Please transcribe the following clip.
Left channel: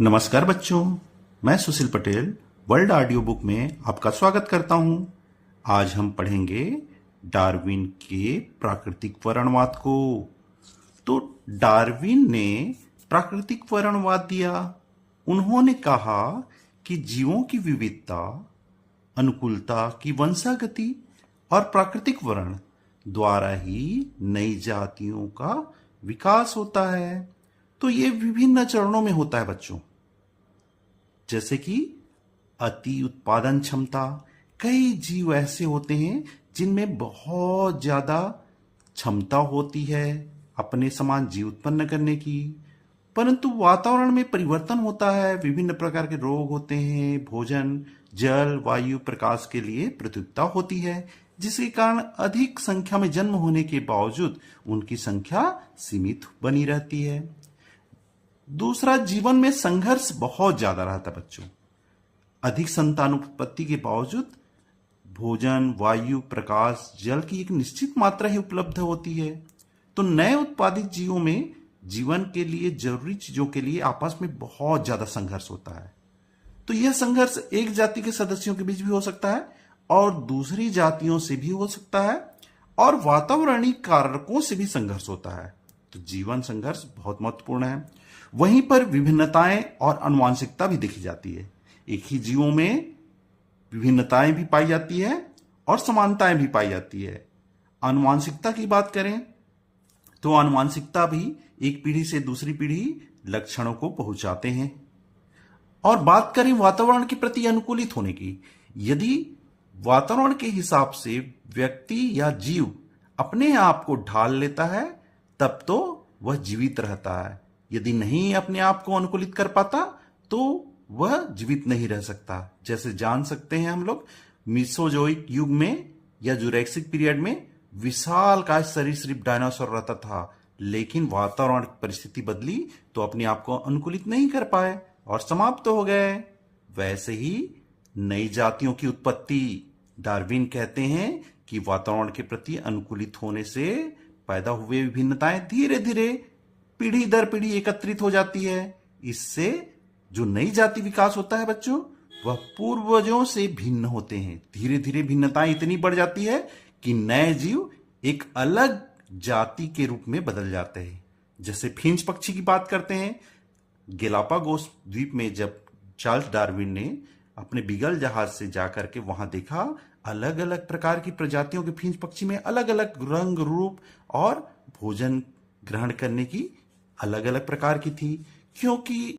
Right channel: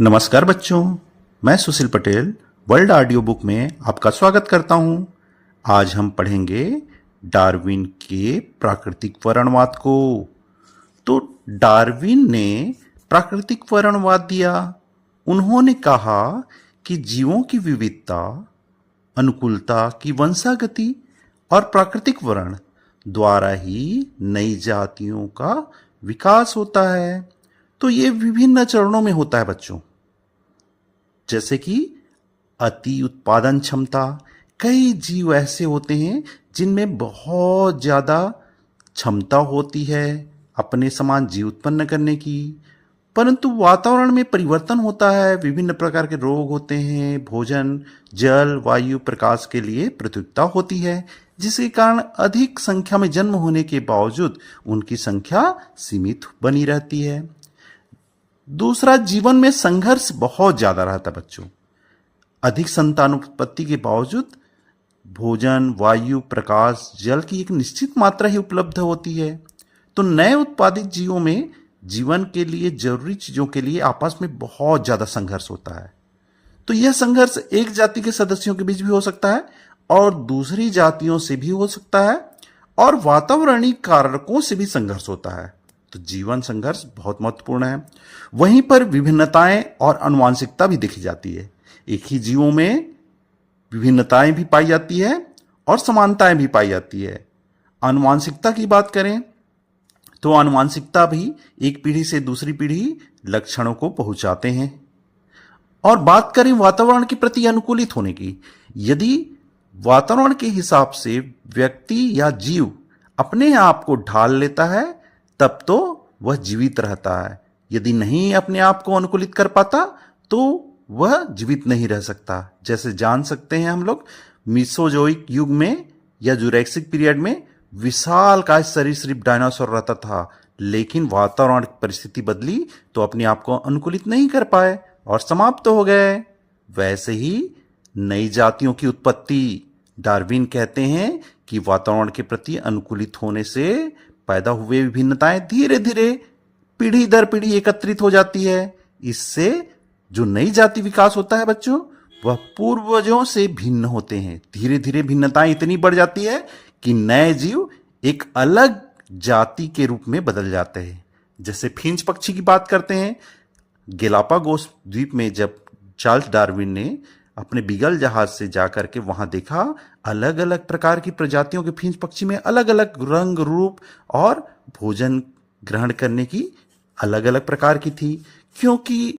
नमस्कार बच्चों, मैं सुशील पटेल वर्ल्ड ऑडियो बुक में आपका स्वागत करता हूं। आज हम पढ़ेंगे डार्विन के प्राकृतिक वर्णनवाद को। तो डार्विन ने प्राकृतिक वर्णनवाद दिया। उन्होंने कहा कि जीवों की विविधता, अनुकूलता की वंशागति और प्राकृतिक वर्ण द्वारा ही नई जातियों का विकास होता है। तो ये विभिन्न चरणों में होता है बच्चों, जैसे कि अति उत्पादन क्षमता। कई जीव ऐसे होते हैं जिनमें बहुत ज़्यादा क्षमता होती है अपने समान जीव उत्पन्न करने की, परंतु वातावरण में परिवर्तन होता है, विभिन्न प्रकार के रोग होते हैं, भोजन, जल, वायु, प्रकाश के लिए प्रतियोगिता होती है, जिसके कारण अधिक संख्या में जन्म होने के बावजूद उनकी संख्या सीमित बनी रहती है। दूसरा, जीवन में संघर्ष बहुत ज्यादा रहता है बच्चों। अधिक संतानोत्पत्ति के बावजूद भोजन, वायु, प्रकाश, जल की एक निश्चित मात्रा ही उपलब्ध होती है। तो नए उत्पादित जीवों में जीवन के लिए जरूरी चीजों के लिए आपस में बहुत ज्यादा संघर्ष होता है। तो यह संघर्ष एक जाति के सदस्यों के बीच भी हो सकता है और दूसरी जातियों से भी हो सकता है, और वातावरणीय कारकों से भी संघर्ष होता है। तो जीवन संघर्ष बहुत महत्वपूर्ण है। वहीं पर विभिन्नताएं और आनुवंशिकता भी देखी जाती है। एक ही जीवों में विभिन्नताएं भी पाई जाती है और समानताएं भी पाई जाती है। आनुवंशिकता की बात करें तो आनुवंशिकता भी एक पीढ़ी से दूसरी पीढ़ी लक्षणों को पहुंचाते हैं। और बात करें वातावरण के प्रति अनुकूलित होने की, यदि वातावरण के हिसाब से व्यक्ति या जीव अपने आप को ढाल लेता है तब तो वह जीवित रहता है। यदि नहीं अपने आप को अनुकूलित कर पाता तो वह जीवित नहीं रह सकता। जैसे जान सकते हैं हम लोग, मीसोजोइक युग में या जुरैसिक पीरियड में विशाल काय सरीसृप डायनासोर रहता था, लेकिन वातावरण की परिस्थिति बदली तो अपने आप को अनुकूलित नहीं कर पाए और समाप्त हो गए। वैसे ही नई जातियों की उत्पत्ति, डार्विन कहते हैं कि वातावरण के प्रति अनुकूलित होने से पैदा हुए विभिन्नताएं धीरे धीरे पीढ़ी दर पीढ़ी एकत्रित हो जाती है। इससे जो नई जाति विकास होता है बच्चों, वह पूर्वजों से भिन्न होते हैं। धीरे धीरे भिन्नताएं इतनी बढ़ जाती है कि नए जीव एक अलग जाति के रूप में बदल जाते हैं। जैसे फिंच पक्षी की बात करते हैं, गैलापागोस द्वीप में जब चार्ल्स डार्विन ने अपने बीगल जहाज से जाकर के वहां देखा, अलग अलग प्रकार की प्रजातियों के फिंच पक्षी में अलग अलग रंग, रूप और भोजन ग्रहण करने की अलग अलग प्रकार की थी, क्योंकि